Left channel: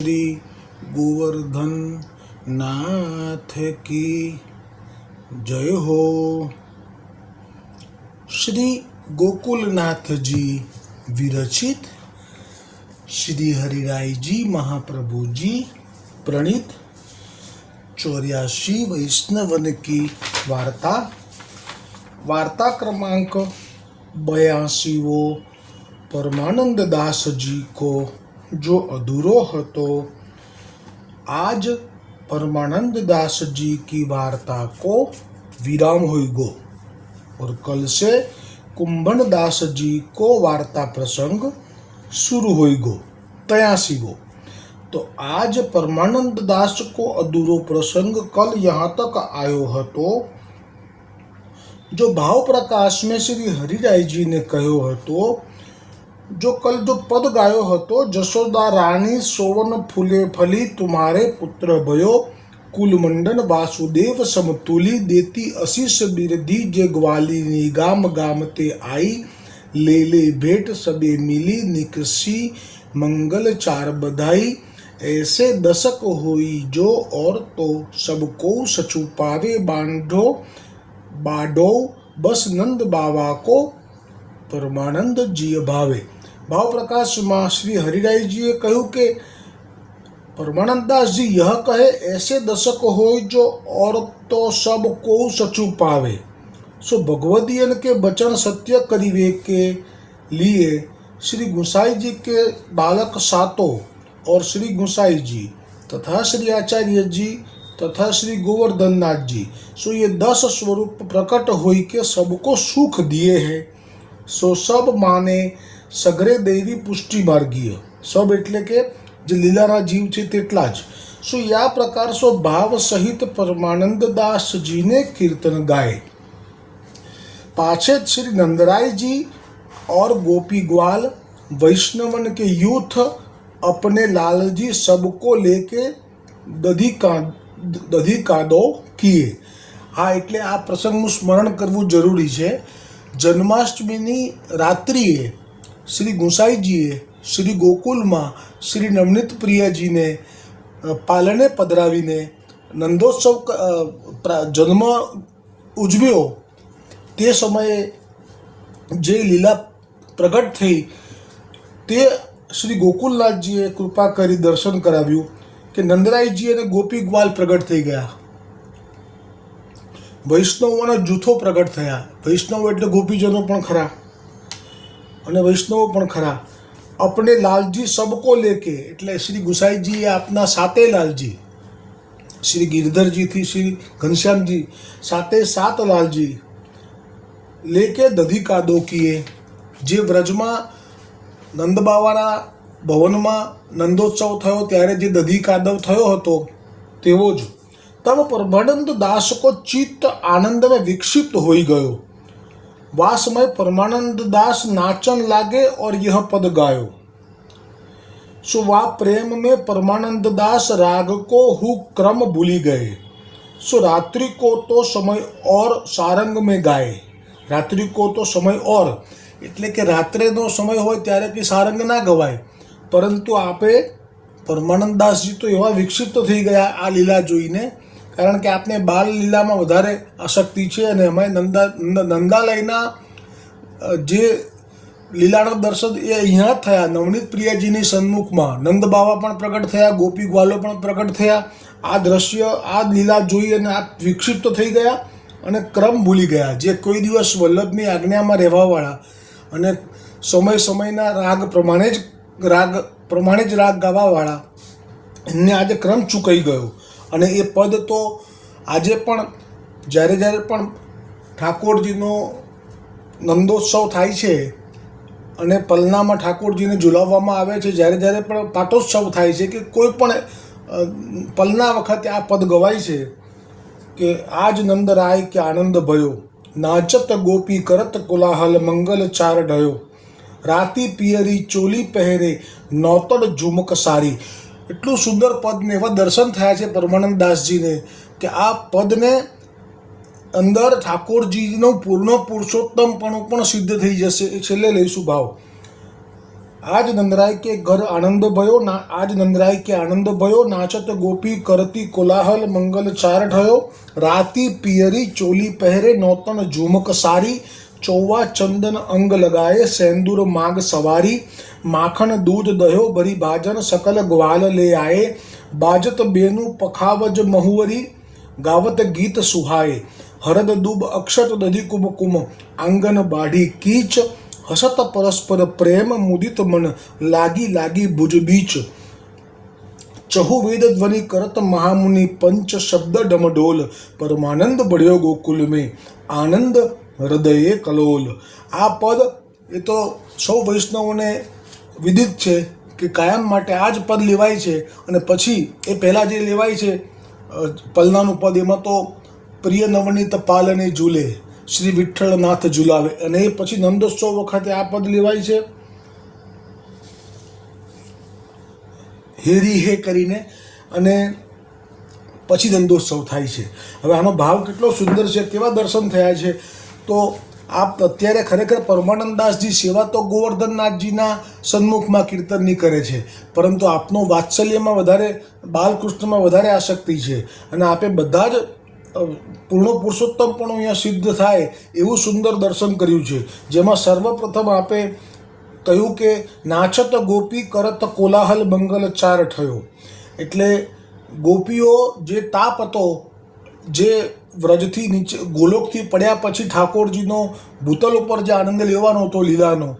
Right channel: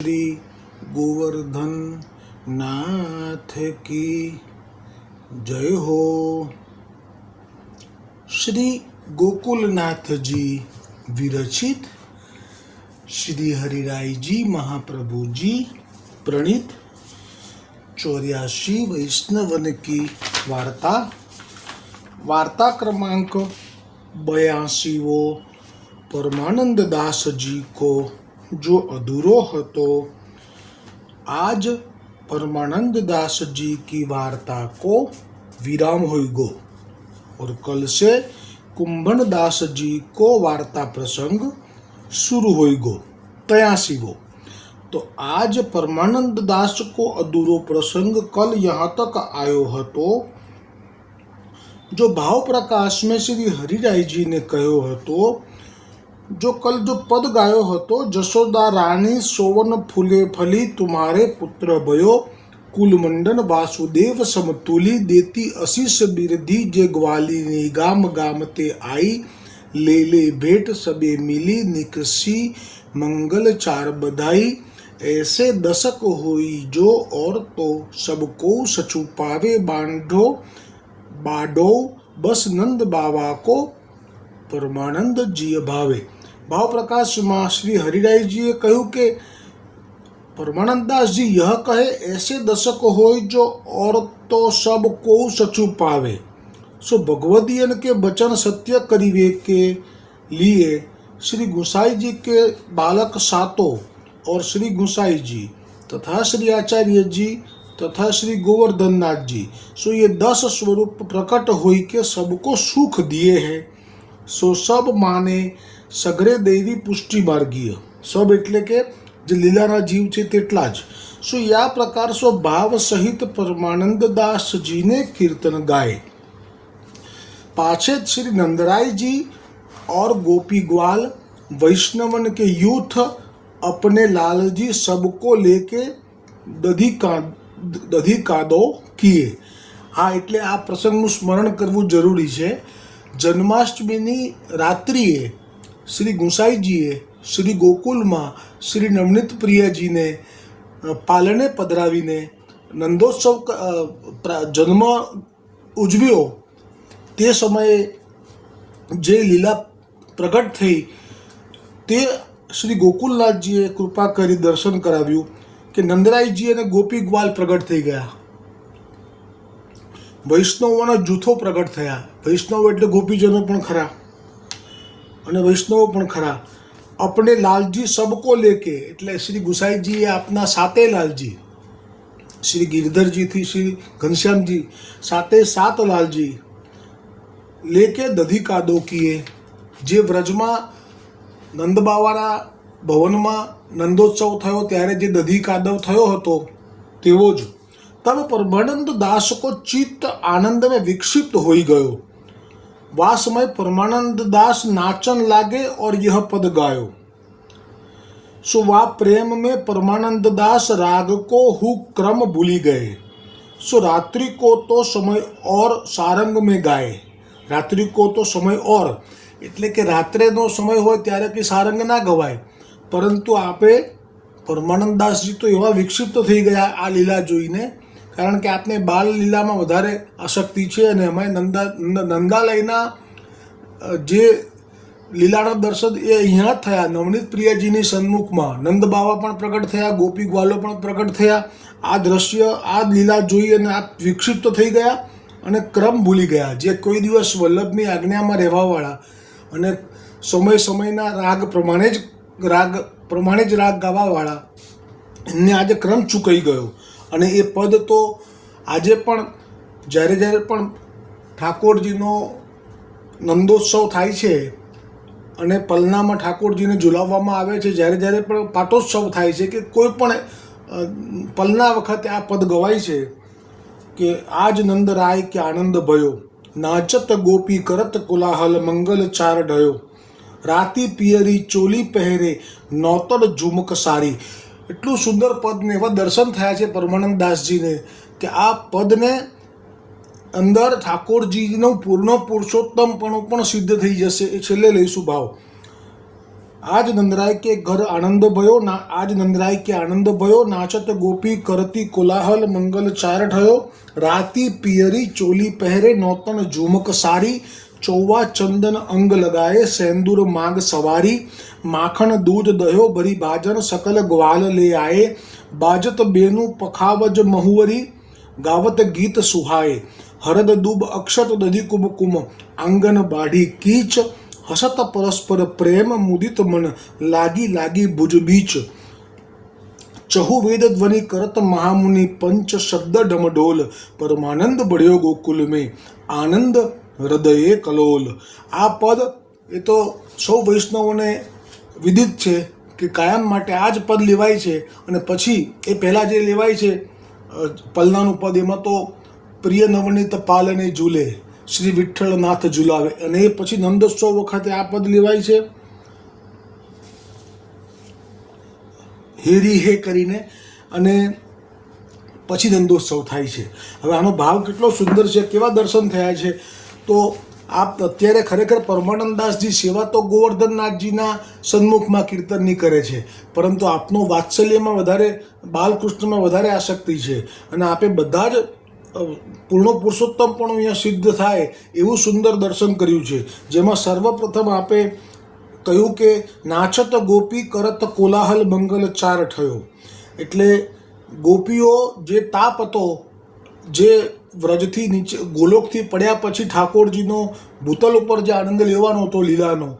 श्री गोवर्धन नाथ की जय हो। श्री गोकुलनाथ जी विरचित श्री हरिराय जी महाप्रभु जी प्रणीत 84 वैष्णवन की वार्ता क्रमांक 82। परमानंद दास जी को जो अधूरो हतो। आज परमानंद दास जी की वार्ता को विराम होइगो और कल से कुंभन दास जी को वार्ता प्रसंग शुरू होइगो 83। तो आज परमानंद दास को अधूरो प्रसंग कल यहाँ तक आयो हतो। जो भाव प्रकाश में श्री हरिराय जी ने कहो हतो, जो कल जो पद गायो हतो, जशोदा रानी सोवन फूले फली तुम्हारे पुत्र भयो, कुलमंडन वासुदेव समतुली देती अशीष बिरधी जे ग्वालिनी गाम गाम ते आई, ले ले भेंट सबे मिली निकसी मंगल चार बधाई, ऐसे दशक होई जो और तो सबको सचु पावे बाढ़ो बस नंद बाबा को परमानंद जी भावे। भाव प्रकाश में श्री हरिराय जी कहू के परमानंद दास जी यह कहे ऐसे दशक हो जो और तो सब को सचु पावे। सो भगवदीयन के वचन सत्य करीवे के लिए श्री गुसाई जी के बालक सातों और श्री गुसाई जी तथा श्री आचार्य जी तथा श्री गोवर्धन नाथ जी, सो ये 10 स्वरूप प्रकट हुई के सबको सुख दिए हैं। सो सब माने सगरे देवी पुष्टि मार्गीय सब एटले के जे लीलाना जीव छे तेटला ज। सो या प्रकार सो भाव सहित परमानंद दास जी ने कीर्तन गाए। पाछे श्री नंदराय जी और गोपी ग्वाल वैष्णवन के यूथ अपने लाल जी सबको लेके दधी कादो किए। हाँ, એટલે આ પ્રસંગનું સ્મરણ કરવું જરૂરી છે। જન્માષ્ટમીની રાત્રિએ શ્રી ગુસાઈજીએ શ્રી ગોકુલમાં શ્રી નવનીત પ્રિયાજીને પાલને પધરાવીને નંદોત્સવ જન્મ ઉજવ્યો। તે સમયે જે લીલા પ્રગટ થઈ તે શ્રી ગોકુલનાથજીએ કૃપા કરી દર્શન કરાવ્યું કે નંદરાયજી અને ગોપી ગ્વાલ પ્રગટ થઈ ગયા। વૈષ્ણવોના જૂથો પ્રગટ થયા। વૈષ્ણવ એટલે ગોપીજનો પણ ખરા અને વૈષ્ણવો પણ ખરા। अपने लालजी सबको लेके એટલે શ્રી ગુસાઈજીએ આપના સાતે લાલજી, શ્રી ગિરધરજીથી શ્રી ઘનશ્યામજી, સાતે સાત લાલજી લેકે દધી કાદો કિए। જે વ્રજમાં નંદબાવાના ભવનમાં નંદોત્સવ થયો ત્યારે જે દધી કાદવ થયો હતો તેવો જ। तब परमानंद दास को चित्त आनंद में विक्षिप्त हो गयो। वह समय परमानंद दास नाचन लागे और यह पद गायो। सो वह प्रेम में परमानंद दास राग को हु क्रम भूली गए। सो रात्रि को तो समय और सारंग में गाए। रात्रि को तो समय और એટલે કે રાત્રેનો સમય હોય ત્યારે કે સારંગ ના ગવાય, પરંતુ આપે પરમાનંદ દાસજી તો એવા વિક્ષિપ્ત થઈ ગયા આ લીલા જોઈને, કારણ કે આપને બાલ લીલામાં વધારે આસક્તિ છે અને એમાં નંદાલયના જે લીલાના દર્શન એ અહીંયા થયા। નવનીત પ્રિયાજીની સન્મુખમાં નંદ બાવા પણ પ્રગટ થયા, ગોપી ગ્વાલો પણ પ્રગટ થયા। આ દ્રશ્ય આ લીલા જોઈ અને આ વિક્ષિપ્ત થઈ ગયા અને ક્રમ ભૂલી ગયા। જે કોઈ દિવસ વલ્લભની આજ્ઞામાં રહેવાવાળા અને સમયના રાગ પ્રમાણે જ રાગ ગાવાવાળા એમને આજે ક્રમ ચૂકાઈ ગયો। અને એ પદ તો આજે પણ જ્યારે પણ ઠાકોરજીનો નંદોત્સવ થાય છે અને પલનામાં ઠાકોરજીને ઝુલાવવામાં આવે છે, જ્યારે પણ પાટોત્સવ થાય છે કે કોઈ પણ પલના વખતે આ પદ ગવાય છે કે આજ નંદ રાય કે આનંદ ભયો, નાચત ગોપી કરત કોલાહલ મંગલ ચાર ઢયો, રાતી પિયરી ચોલી પહેરે નૌતર ઝુમક સારી। એટલું સુંદર પદ ને એવા દર્શન થયા છે પરમાનંદ દાસજીને કે આ પદને અંદર ઠાકોરજીનું પૂર્ણ પુરુષોત્તમપણું પણ સિદ્ધ થઈ જશે। એ છેલ્લે લઈશું ભાવ। આજ નંદરાય કે ઘર આનંદ ભયો ના આજ નંદરાય કે આનંદ ભયો નાચત ગોપી કરતી કોલાહલ મંગલ ચાર ઠયો રાતી પિયરી ચોલી પહેરે નોતન ઝુમક સારી ચૌવા ચંદન અંગ લગાએ સેંદુર માગ સવારી માખણ દૂધ દહ્યો ભરી ભાજન સકલ ગ્વાલ લે આए બાજત બેનું પખાવજ મહુવરી ગાવત ગીત સુહાય હરદ દુબ અક્ષત દધી કુમકુમ આંગન બાઢી કીચ હસત પરસ્પર પ્રેમ મુદિત મન લાગી લાગી ભુજ બીચ ચહુ વેદ ધ્વનિ કરત મહામુનિ પંચ શબ્દ ડમડોલ પરમાનંદ બળ્યો ગોકુલ में આનંદ હૃદયે કલોલ. આ પદ એ તો સૌ વૈષ્ણવોને વિદિત છે કે કાયમ માટે આ જ પદ લેવાય છે. અને પછી એ પહેલાં જે લેવાય છે પલનાનું પદ એમાં તો પ્રિય નવનીત પાલને ઝૂલે શ્રી વિઠ્ઠલનાથ ઝુલાવે, અને એ પછી નંદોત્સવ વખતે આ પદ લેવાય છે હેરી હે કરીને, અને પછી નંદોત્સવ થાય છે. હવે આનો ભાવ કેટલો સુંદર છે, કેવા દર્શન થયા છે. તો આપ અત્યારે ખરેખર પરમાનંદદાસજી સેવા તો ગોવર્ધનનાથજીના સન્મુખમાં કીર્તનની કરે છે, પરંતુ આપનો વાત્સલ્યમાં વધારે, બાલકૃષ્ણમાં વધારે આસક્તિ છે, અને આપે બધા જ પૂર્ણ પુરુષોત્તમ પણ અહીંયા સિદ્ધ થાય એવું સુંદર દર્શન કર્યું છે. જેમાં સર્વપ્રથમ આપે કહ્યું કે નાચત ગોપી કરત કોલાહલ મંગલ ચાર ઠયો, એટલે ગોપીઓ જે તાપ હતો, જે વ્રજથી નીચે ગોલોકથી પડ્યા પછી ઠાકોરજીનો ભૂતલ ઉપર જે આનંદ લેવાનો હતો લીલાનો,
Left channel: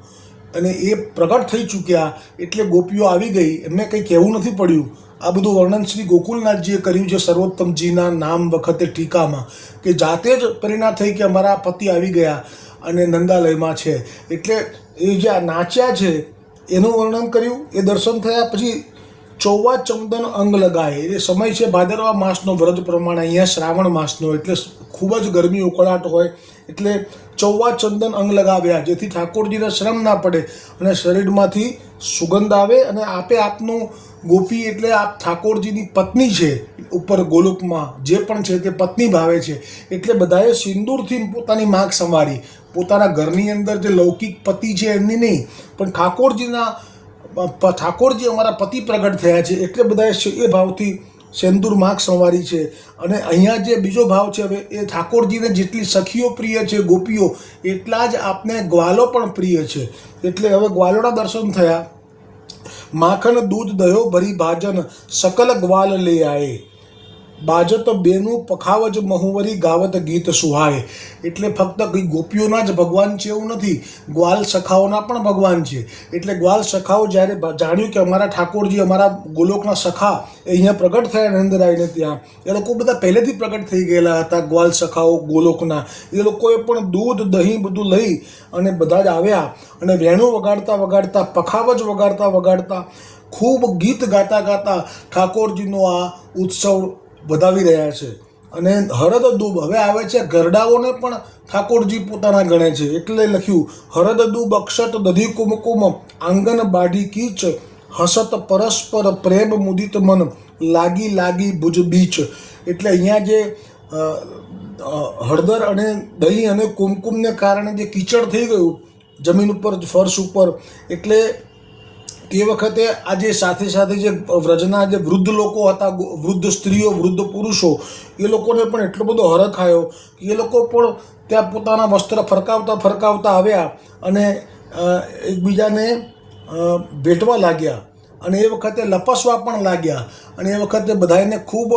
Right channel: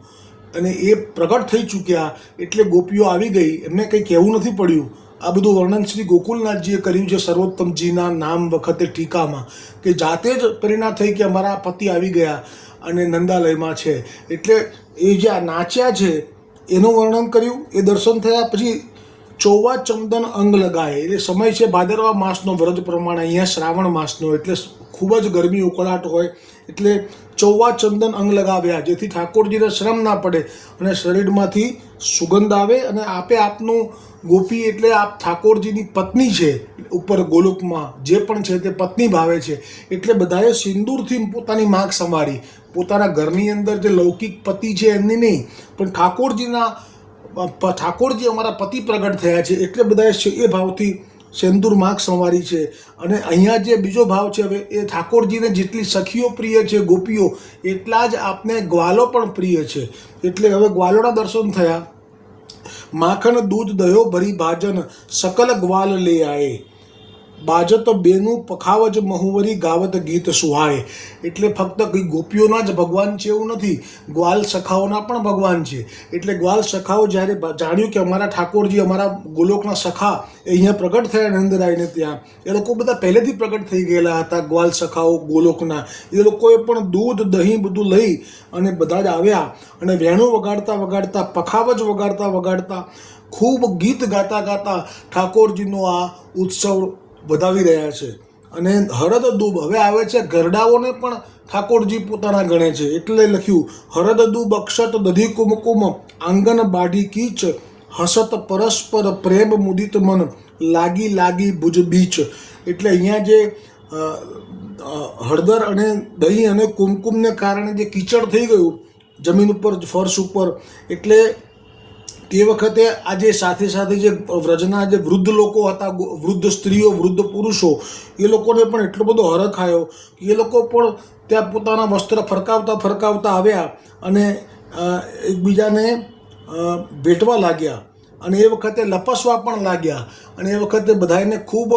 અને એ પ્રગટ થઈ ચૂક્યા, એટલે ગોપીઓ આવી ગઈ, એમને કંઈ કહેવું નથી પડ્યું. આ બધું વર્ણન શ્રી ગોકુલનાથજીએ કર્યું છે સર્વોત્તમજીના નામ વખતે ટીકામાં, કે જાતે જ પ્રેરણા થઈ કે અમારા પતિ આવી ગયા અને નંદાલયમાં છે. એટલે એ જે આ નાચ્યા છે એનું વર્ણન કર્યું, એ દર્શન થયા. પછી ચૌવા ચંદન અંગ લગાએ, એ સમય છે ભાદરવા માસનો, વ્રત પ્રમાણે અહીંયા શ્રાવણ માસનો, એટલે ખૂબ જ ગરમી ઉકળાટ હોય, એટલે ચૌવા ચંદન અંગ લગાવ્યા, જેથી ઠાકોરજીને શ્રમ ના પડે અને શરીરમાંથી સુગંધ આવે. અને આપે આપનું ગોપી એટલે આપ ઠાકોરજીની પત્ની છે, ઉપર ગોલોકમાં જે પણ છે તે પત્ની ભાવે છે, એટલે બધાએ સિંદૂરથી પોતાની માગ સંવારી. પોતાના ઘરની અંદર જે લૌકિક પતિ છે એમની નહીં, પણ ઠાકોરજી અમારા પતિ પ્રગટ થયા છે, એટલે બધાએ એ ભાવથી સેંદૂર માગ સંવારી છે. અને અહીંયા જે બીજો ભાવ છે, હવે એ ઠાકોરજીને જેટલી સખીઓ પ્રિય છે ગોપીઓ, એટલા જ આપને ગ્વાલો પણ પ્રિય છે. એટલે હવે ગ્વાલોના દર્શન થયા. માખણ દૂધ દહ્યો ભરી ભાજન સકલ ગ્વાલ લે આए બાજત બેનું પખાવજ મહુવરી ગાવત ગીત સુહાય. એટલે ફક્ત કંઈ ગોપીઓના જ ભગવાન છે એવું નથી, ગ્વાલ સખાઓના પણ ભગવાન છે. એટલે ગ્વાલ સખાઓ જ્યારે જાણ્યું કે અમારા ઠાકોરજી, અમારા ગોલોકના સખા એ અહીંયા પ્રગટ થયા નંદરાયને ત્યાં, એ લોકો બધા પહેલેથી પ્રગટ થઈ ગયેલા હતા. ગ્વાલ સખાઓ ગોલોકના એ લોકોએ પણ દૂધ દહીં બધું લઈ અને બધા જ આવ્યા, અને વેણું વગાડતા વગાડતા, પખાવજ વગાડતા વગાડતા, ખૂબ ગીત ગાતા ગાતા ઠાકોરજીનો આ ઉત્સવ વધાવી રહ્યા છે. અને હરદ દૂબ, હવે આવે છે ગરડાઓને પણ ઠાકોરજી પોતાના ગણે છે, એટલે લખ્યું હરદ દૂબ અક્ષત દધી કુમકુમ આંગન બાઢી કીચ હસત પરસ્પર પ્રેમ મુદિત મન લાગી લાગી ભુજ બીચ. એટલે અહીંયા જે હળદર અને દહીં અને કુમકુમને કારણે જે કીચડ થઈ ગયું જમીન ઉપર, ફર્શ ઉપર, એટલે તે વખતે આજે સાથે સાથે જે વ્રજના જે વૃદ્ધ લોકો હતા, વૃદ્ધ સ્ત્રીઓ, વૃદ્ધ પુરુષો, એ લોકોને પણ એટલો બધો હરખ આવ્યો કે એ લોકો પણ ત્યાં પોતાના વસ્ત્ર ફરકાવતા ફરકાવતા આવ્યા અને એકબીજાને ભેટવા લાગ્યા, અને એ વખતે લપસવા પણ લાગ્યા, અને એ વખતે બધાને ખૂબ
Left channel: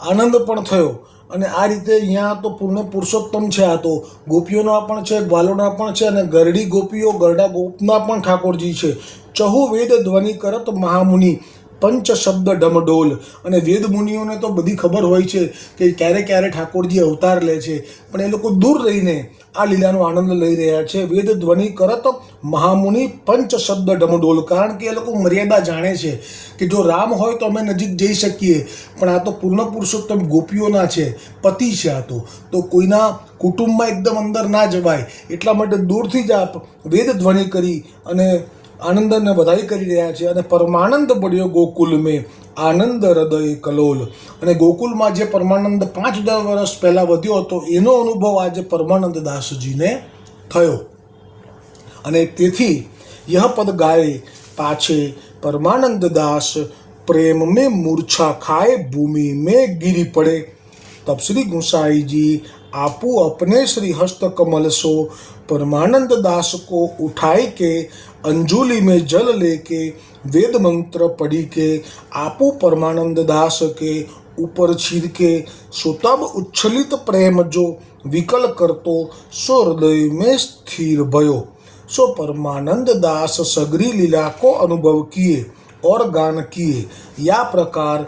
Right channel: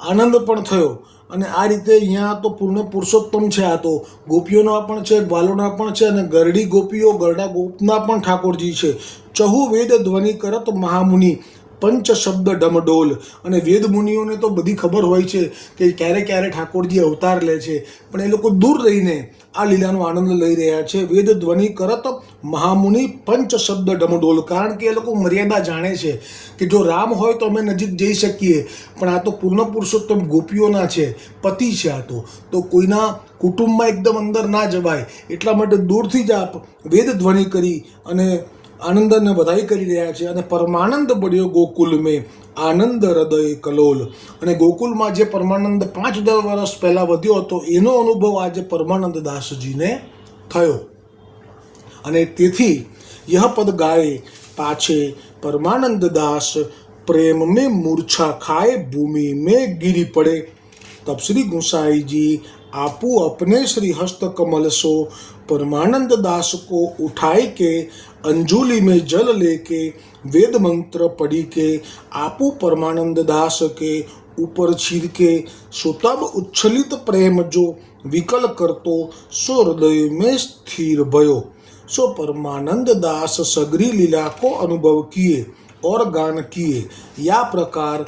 આનંદ પણ થયો. અને આ રીતે અહીંયા તો પૂર્ણ પુરુષોત્તમ છે. આ તો ગોપીઓના પણ છે, ગ્વાલોના પણ છે, અને ગરડી ગોપીઓ, ગરડા ગોપના પણ ઠાકોરજી છે. ચહુ વેદ ધ્વનિ કરત મહામુનિ પંચ શબ્દ ડમડોલ. અને વેદ મુનિઓને તો બધી ખબર હોય છે કે ક્યારે ક્યારે ઠાકોરજી અવતાર લે છે, પણ એ લોકો દૂર રહીને આ લીલાનો આનંદ લઈ રહ્યા છે. વેદ ધ્વનિ કરત મહામુનિ પંચ શબ્દ ડમડોલ, કારણ કે એ લોકો મર્યાદા જાણે છે કે જો રામ હોય તો અમે નજીક જઈ શકીએ, પણ આ તો પૂર્ણ પુરુષોત્તમ ગોપીઓના છે, પતિ છે. આ તો કોઈના કુટુંબમાં એકદમ અંદર ના જવાય, એટલા માટે દૂરથી જ આપ વેદ ધ્વનિ કરી અને આનંદને વધાઈ કરી રહ્યા છે. અને પરમાનંદ બળ્યો ગોકુલ મેં આનંદ હૃદય કલોલ. અને ગોકુલમાં જે પરમાનંદ 5-10 વર્ષ પહેલાં વધ્યો હતો, એનો અનુભવ આજે પરમાનંદ દાસજીને થયો. અને તેથી यह पद गाए पाछे परमानंद दास प्रेम में मूर्छा खाए भूमि में गिरी पड़े। तब श्री गोसाई जी आपू अपने श्री हस्त कमल सो परमानंद दास को उठाई के अंजुलि में जल लेके वेद मंत्र पढ़ी के आपू परमानंद दास के ऊपर छीर के सो तब उच्छलित प्रेम जो विकल करतो सो हृदय में स्थिर भयो। सो परमानंद दास सगरी लीला को अनुभव किए और गान किए। या प्रकार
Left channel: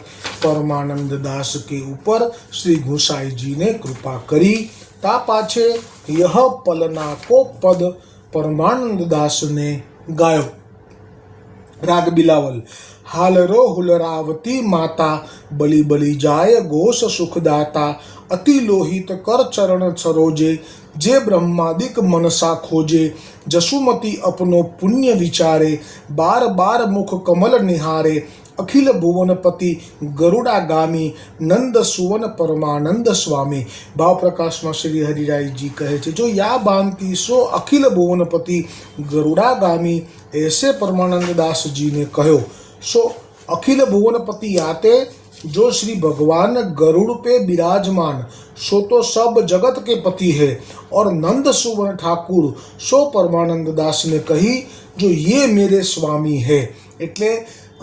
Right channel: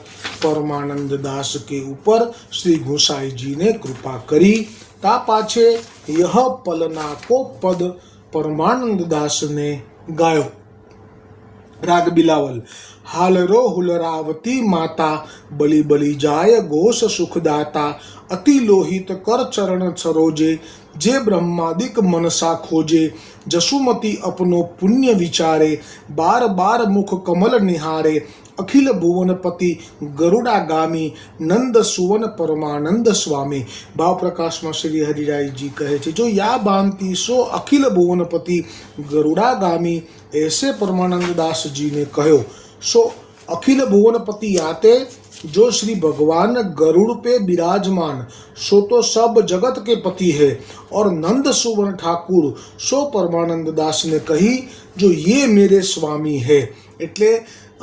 परमानंद दास के ऊपर श्री गोसाई जी ने कृपा करी। ता पाछे यह पलना को पद परमानंद दास ने गायो। राग बिलावल। हालरो हुलरावती माता बलि बलि जाय घोष सुखदाता अति लोहित कर चरण सरोजे जे ब्रह्मादिक मनसा खोजे जसुमती अपनो पुण्य विचारे बार बार मुख कमल निहारे अखिल भुवनपति गरुडागामी नंद सुवन परमानंद स्वामी। भाव प्रकाश में श्री हरिराय जी कहे छे जो या बांधती सो अखिल भुवनपति गरुडागामी ऐसे परमानंद दास जी ने कहो। सो अखिल भुवनपति आते जो श्री भगवान गरुड़ पे विराजमान सो तो सब जगत के पति है। और नंद सुवन ठाकुर सो परमानंद दास ने कही जो ये मेरे स्वामी है। એટલે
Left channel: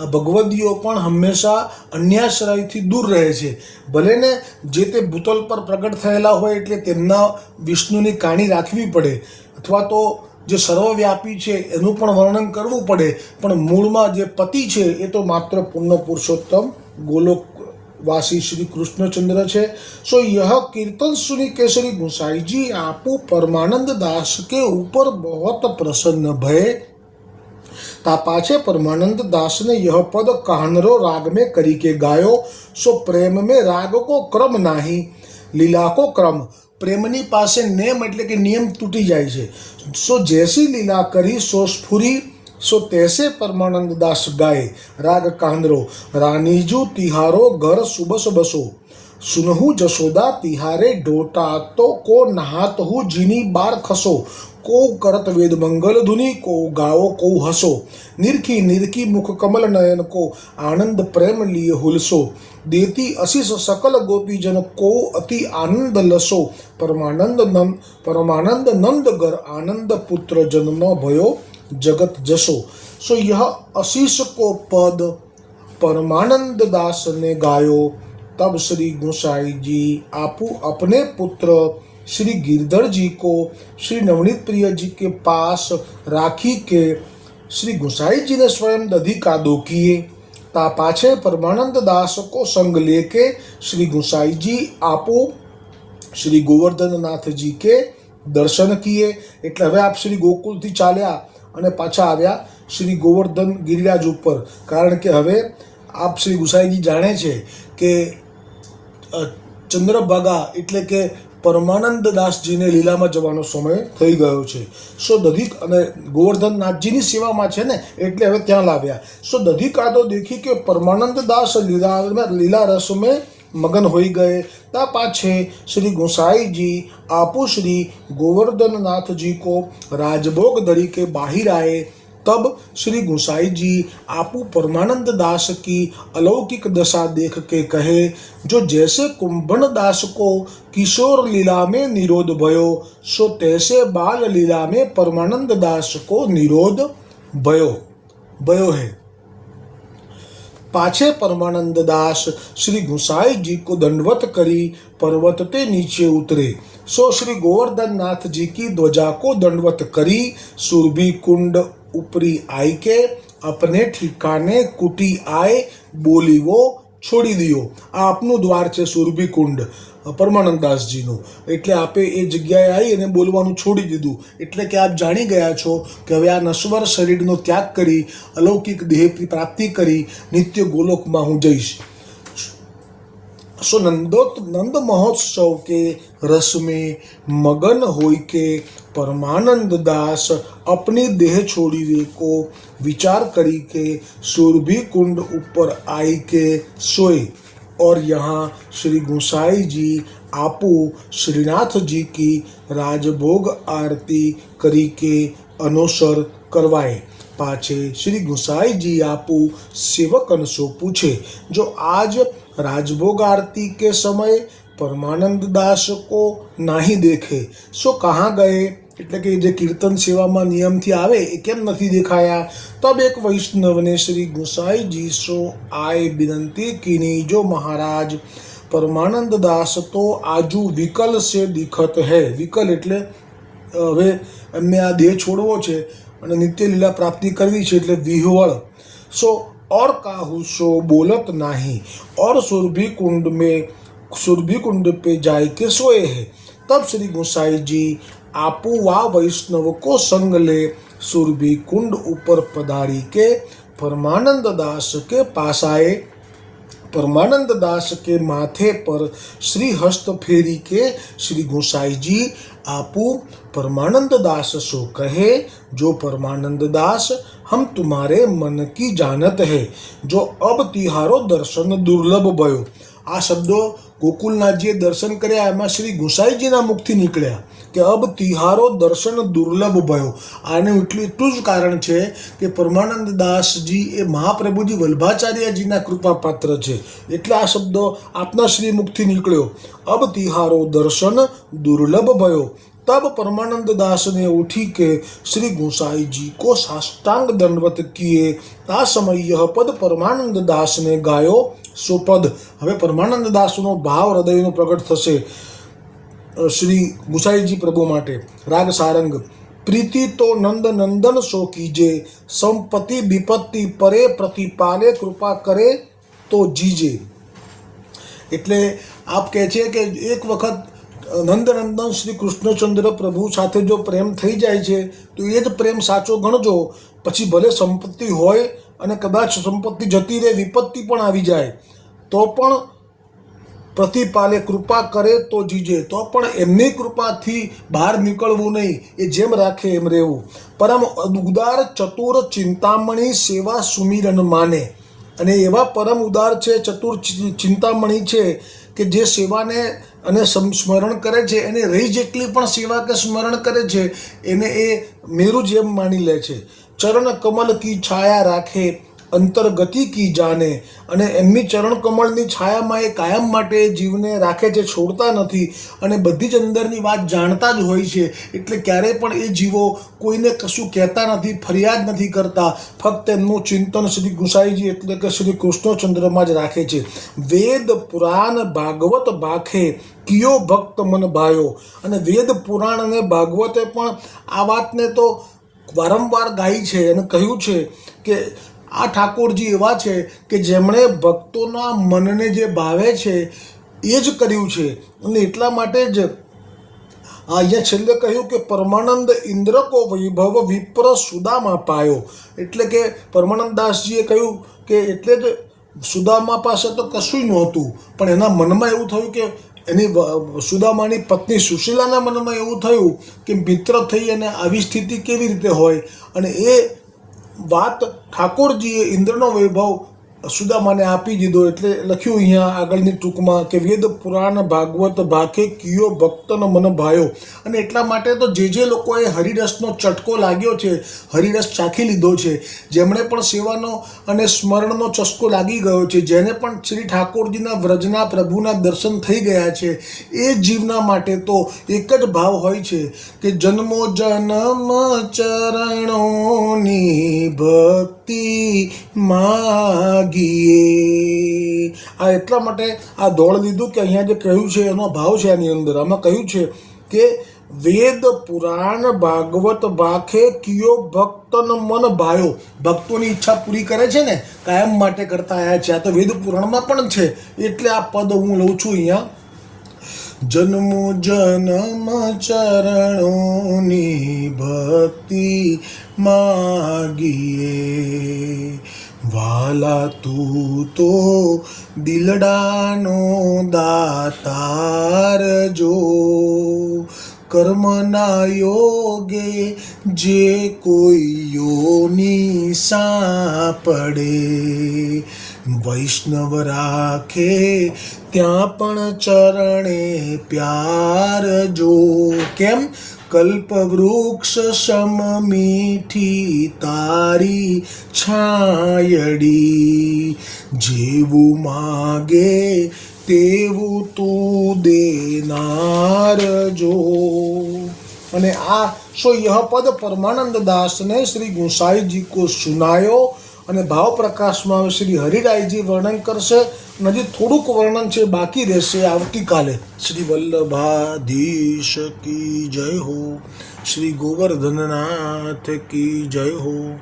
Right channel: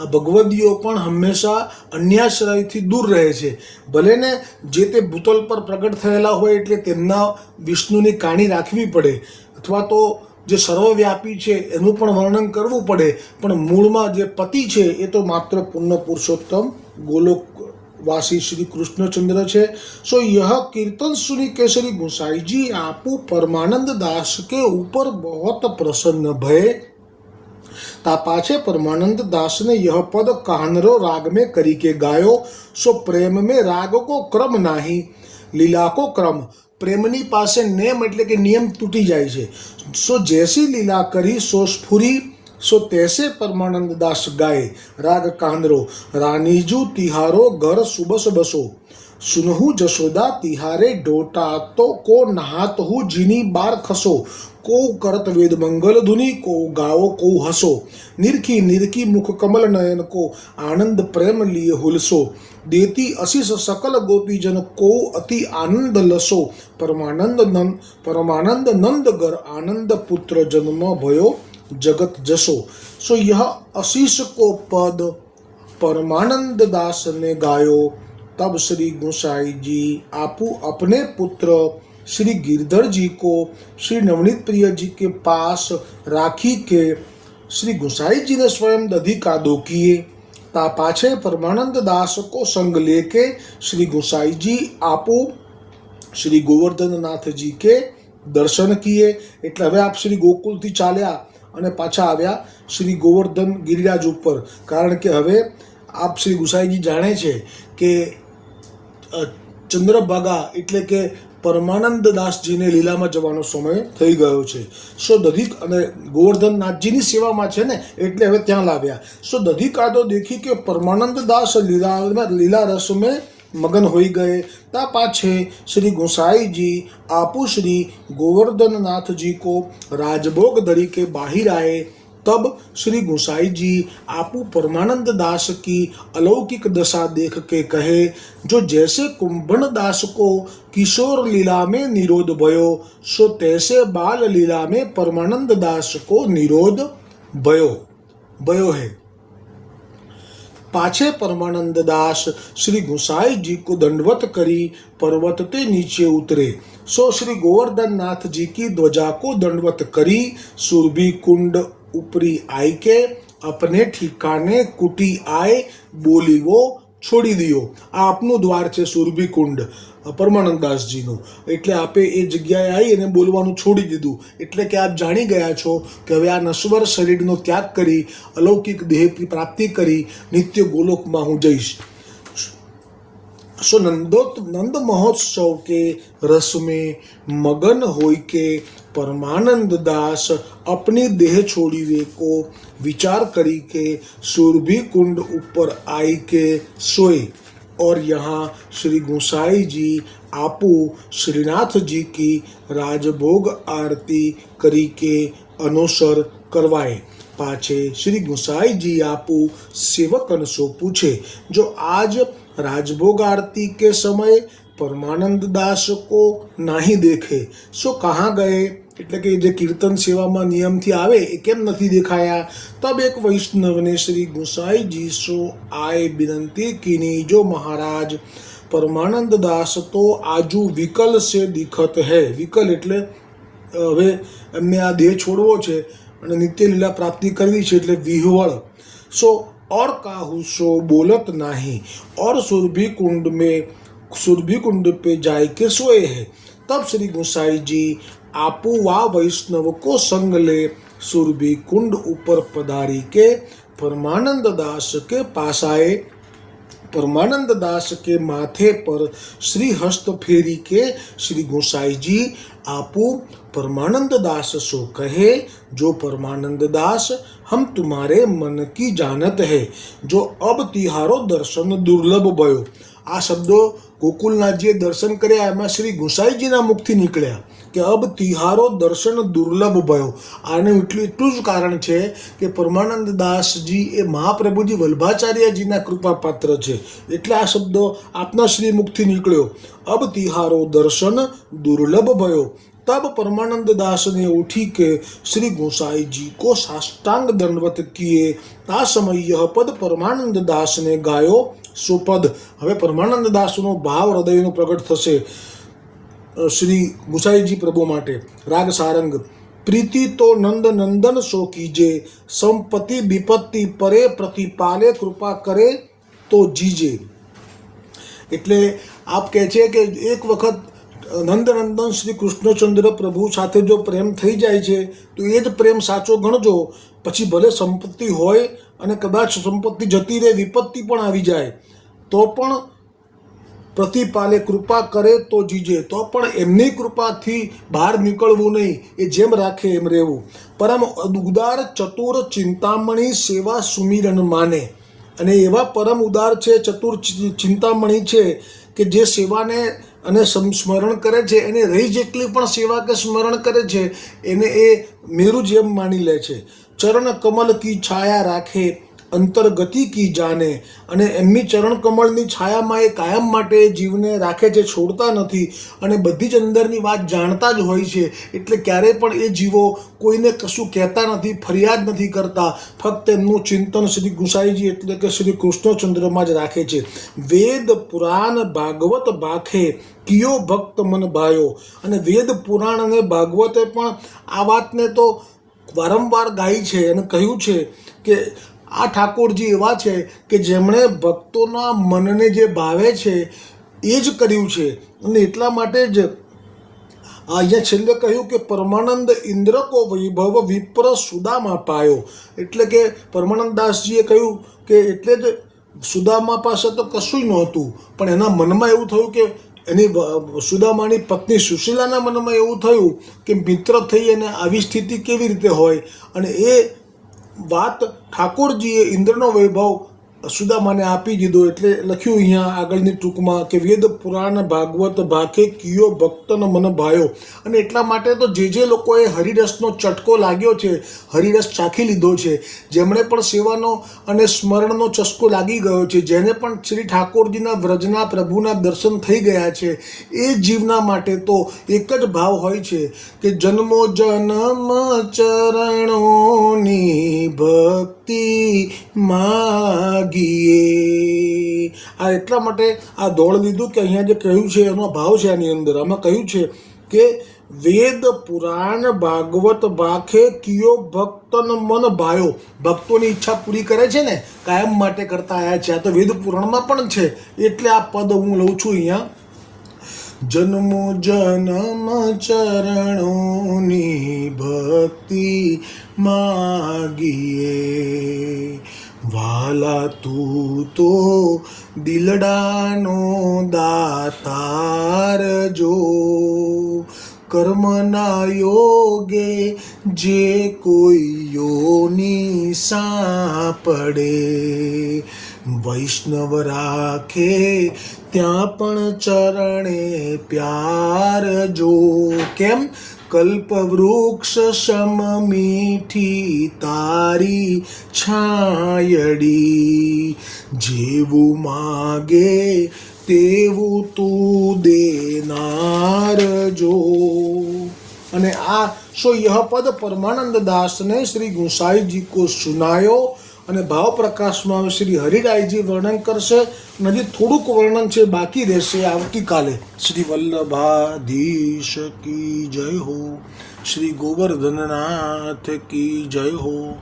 ભગવદીઓ પણ હંમેશા અન્યાશ્રયથી દૂર રહે છે। ભલે ને જે તે ભૂતલ પર પ્રગટ થયેલા હોય એટલે તેમના વિષ્ણુની કાણી રાખવી પડે અથવા તો જે સર્વવ્યાપી છે એનું પણ વર્ણન કરવું પડે, પણ મૂળમાં જે પતિ છે એ તો માત્ર પૂર્ણ પુરુષોત્તમ गोलोकवासी श्री कृष्णचंद्र है। सो यह कीर्तन सुनी के श्री गोसाई जी आपू परमानंद दास के ऊपर बहुत प्रसन्न भये। ता पाछे परमानंद दास ने यह पद कहानरो राग में करी के गायो। सो प्रेम में राग को क्रम नाही लीला को क्रम। प्रेमनी पासे नेम एटले के नियम तूटी जाए छे। सो जैसी लीला करी सो स्फुरी सो तैसे परमानंद दास गाए। राग कांदरो। रानीजू तिहारो घर सुबस बसो सुनहु जसोदा तिहारे डोटा तो को नहात हूँ जीनी बार खसो को करत वेद मंगल धुनि को गाओ को हसो निरखी निरखी मुख कमल नयन को आनंद प्रेम लिए हुलसो देती अशीष सकल गोपी जन को अति आनंद लसो परमानंद नंद गर आनंद पुत्र जन्म भयो जगत जसो। सो यह आशीष को पद परमानंद दास ने गायो। तब श्री गोसाई जी आपू अपने पुत्र श्री गिरधर जी को श्री नवनीत प्रिय जी के पास राखी के श्री गोसाई जी ने स्वयं दधी कादो किए। ता पाछे परमानंद दास को संग लेके श्री गोसाई जी आपू श्री गोवर्धन नाथ जी के दर्शन किए। એટલે હવે આપ શ્રી ગોકુલથી ચાલ્યા અને પાછા આવ્યા શ્રી ગોવર્ધન ગિરિરાજ ઉપર, કારણ કે હવે આપ શ્રી ગુસાઈજી જાણે છે કે ચંદ્રભાગા એટલે કે પરમાનંદ દાસજીને લીલામાં જવાનો સમય થઈ ગયો છે। સો દધી અને ગોવર્ધનનાથજીની સેવામાં છે ને એટલે હવે ત્યાં લાવ્યા। સો દધી કાદો દેખી કે परमानंद दास लीला रस में मगन हो गए। ता पाछे श्री गोसाई जी आपू श्री गोवर्धन नाथ जी को राजभोग धरी के बाहिर आए। तब श्री गोसाई जी आपू परमानंद दास की अलौकिक दशा देख के कहे जो जैसे कुंभन दास को किशोर लीला में निरोध भयो सो तैसे बाल लीला में परमानंद दास को निरोध भयो है। पाछे परमानंद दास श्री गोसाई जी को दंडवत करी पर्वत ते नीचे उतरे। सो श्री गोवर्धन नाथ जी की ध्वजा को दंडवत करी सुरभि कुंड ऊपरी आई के अपने ठिकाने कुटी आए बोली वो छोड़ी दियो। आ आपनु द्वार छे सुरभि कुंड परमानंद दासजीનું, એટલે આપે એ જગ્યાએ આવી અને બોલવાનું છોડી દીધું। એટલે કે આપ જાણી ગયા છો કે હવે આ નશ્વર શરીરનો ત્યાગ કરી અલૌકિક દેહ પ્રાપ્તિ કરી નિત્ય ગોલોકમાં હું જઈશ। सो नंद महोत्सव के रस में मगन होई के परमानंद दास अपनी देह छोड़ी वे को विचार करी के सुरभि कुंड ऊपर आई के सोए। और यहाँ श्री गोसाई जी आपू श्रीनाथ जी की राजभोग आरती करी के अनुसर करवाए। પાછે શ્રી ગુસાઈજી આપું સેવકન સો પૂછે। जो आज राजभोग आरती के समय परमानंद दास को नहीं देखे सो कहाँ गए, એટલે કે જે કીર્તન સેવામાં નિયમથી આવે એ કેમ નથી દેખાયા। તબ એક વૈષ્ણવને શ્રી ગુસાઈજી સો આય વિનંતી कीनी, जो महाराज परमानंद दास तो आजू विकल से दिखत है। विकल એટલે હવે એમને આ દેહ છોડવો છે અને નિત્ય લીલા પ્રાપ્તિ કરવી છે એટલે વિહવળ। સો और काहू सो बोलत नहीं और सुरभि कुंड पे जाय के सोए है। तब श्री गोसाई जी आपू वा वैष्णव को संग ले सुरभि कुंड ऊपर पधारी के परमानंद दास के पास आए। परमानंद दास के माथे पर श्री हस्त फेरी के श्री गोसाई जी आपू परमानंद दास सो कहे, जो परमानंद दास हम तुम्हारे मन की जानत है, जो अब तिहारो दर्शन दुर्लभ भयो। आ शब्दों गोकुलनाथजीए दर्शन कर्या एमां श्री गोसाईजीना मुखथी निकळ्या कि अब तिहारो दर्शन दुर्लभ भयो। आने એટલું જ કારણ છે કે પરમાનંદ દાસજી એ મહાપ્રભુજી વલ્ભાચાર્યજીના કૃપાપાત્ર છે, એટલે આ શબ્દો આપના શ્રી મુખથી નીકળ્યો। अब तिहारो दर्शन दुर्लभ भयो। तब परमानंद दास ने उठी के श्री गोसाई जी को साष्टांग दंडवत किए। ता समय यह पद परमानंद दास ने गायो सो पद। हवे परमानंद दासनो भाव हृदयनो प्रकट थशे श्री गोसाईजी प्रभु माटे। राग सारंग। प्रीति तो नंद नंदन सो कीजे, संपत्ति विपत्ति परे प्रतिपाले कृपा करे तो जीजे। એટલે આપ કહે છે કે એક વખત નંદનંદન શ્રી કૃષ્ણચંદ્ર પ્રભુ સાથે જો પ્રેમ થઈ જાય છે તો એ જ પ્રેમ સાચો ગણજો। પછી ભલે સંપત્તિ હોય અને કદાચ સંપત્તિ જતી રહે, વિપત્તિ પણ આવી જાય તો પણ પ્રતિપાલે કૃપા કરે તો જીજે, તો પણ એમની કૃપાથી બહાર નીકળવું નહીં, એ જેમ રાખે એમ રહેવું। પરમ ઉદાર ચતુર ચિંતામણી સેવા સુમિરન માને। અને એવા પરમ ઉદાર છે, ચતુર ચિંતામણી છે કે જે સેવાને અને સ્મરણ કરે છે, એને રહી જેટલી પણ સેવા કે સ્મરણ કરે છે એને એ મેરુ જેમ માની લે છે। ચરણ કમલ કી છાયા રાખે અંતર્ગતિ કી જાને। અને એમની ચરણ કમળની છાયામાં એ કાયમ માટે જીવને રાખે છે, છોડતા નથી અને બધી જ અંદરની વાત જાણતા જ હોય છે, એટલે ક્યારેય પણ એ જીવો કોઈને કશું કહેતા નથી, ફરિયાદ નથી કરતા, ફક્ત એમનું ચિંતન શ્રી ગુસાઈજી એટલે કે શ્રી કૃષ્ણચંદ્રમાં જ રાખે છે। વેદ પુરાણ ભાગવત ભાખે કિયો ભક્ત મન ભાયો। અને વેદ પુરાણ અને ભાગવતે પણ આ વાતને તો વારંવાર ગાઈ છે અને કહ્યું છે કે આ ઠાકોરજી એવા છે કે જેમણે ભક્તોના મનને જે ભાવે છે એ જ કર્યું છે। અને એટલા માટે જ અહીંયા છેલ્લે કહ્યું કે પરમાનંદ ઇન્દ્ર કો વૈભવ વિપ્ર સુદામા પાયો। એટલે કે પરમાનંદ દાસજીએ કહ્યું કે એટલે જ સુદામા પાસે તો કશું જ નહોતું, પણ એના મનમાં એવું થયું કે એની સુદામાની પત્ની સુશીલાના મનમાં એવું થયું કે મિત્ર થઈ અને આવી સ્થિતિ કેવી રીતે હોય। અને એ વાત ઠાકોરજીએ ઇન્દ્રનો વૈભવ સુદામાને આપી દીધો। એટલે લખ્યું અહીંયા આગળની ટૂંકમાં કે વેદ પુરાણ ભાગવત ભાખે કિયો ભક્તન મન ભાયો। અને એટલા માટે તો જે લોકોએ હરિરસનો ચટકો લાગ્યો છે, હરિરસ ચાખી લીધો છે, જેમણે પણ સેવાનો અને સ્મરણનો ચસ્કો લાગી ગયો છે, જેને પણ શ્રી ઠાકોરજીના વ્રજના પ્રભુના દર્શન થઈ ગયા છે, એ જીવના માટે તો એક જ ભાવ હોય છે કે જન્મો જન્મ ચરણોની ભક્તિ માગીએ। આ એટલા માટે આ દોડ લીધું કે અહીંયા જે કહ્યું છે એનો ભાવ છે આની અંદર। આમાં કહ્યું છે કે વેદ પુરાણ ભાગવત ભાખે કિયો ભક્તન મન ભાયો। ભક્તોની ઈચ્છા પૂરી કરે છે ને, કાયમ માટે કરતા આવ્યા છે। આ તો વેદ પુરાણમાં પણ છે, એટલે આ પદ હું લઉં છું અહીંયા। જન્મો જન્મ ચરણોની ભક્તિ માગીએ। વાલા તું તો દિલડાનો દાતાર જો, કર્મના યોગે જે કોઈ યોની સાંપડે। વૈષ્ણવ રાખે ત્યાં પણ ચરણે પ્યાર જો। કેમ કલ્પવૃક્ષ સમ મીઠી તારી છાયડી, જેવું માગે તેવું તું દેનાર જો. અને આ સો यह पद परमानंद दास ने श्री गुसाई जी को सुनायो. અને ભાવ પ્રકાશમાં શ્રી હરિરાયજી વર્ણન કરશે. હજી થોડુંક વર્ણન છે બાકી રહેશે આવતીકાલે. શ્રી વલ્લભાધીશ કી જય હો, શ્રી ગોવર્ધનનાથ કી જય હો.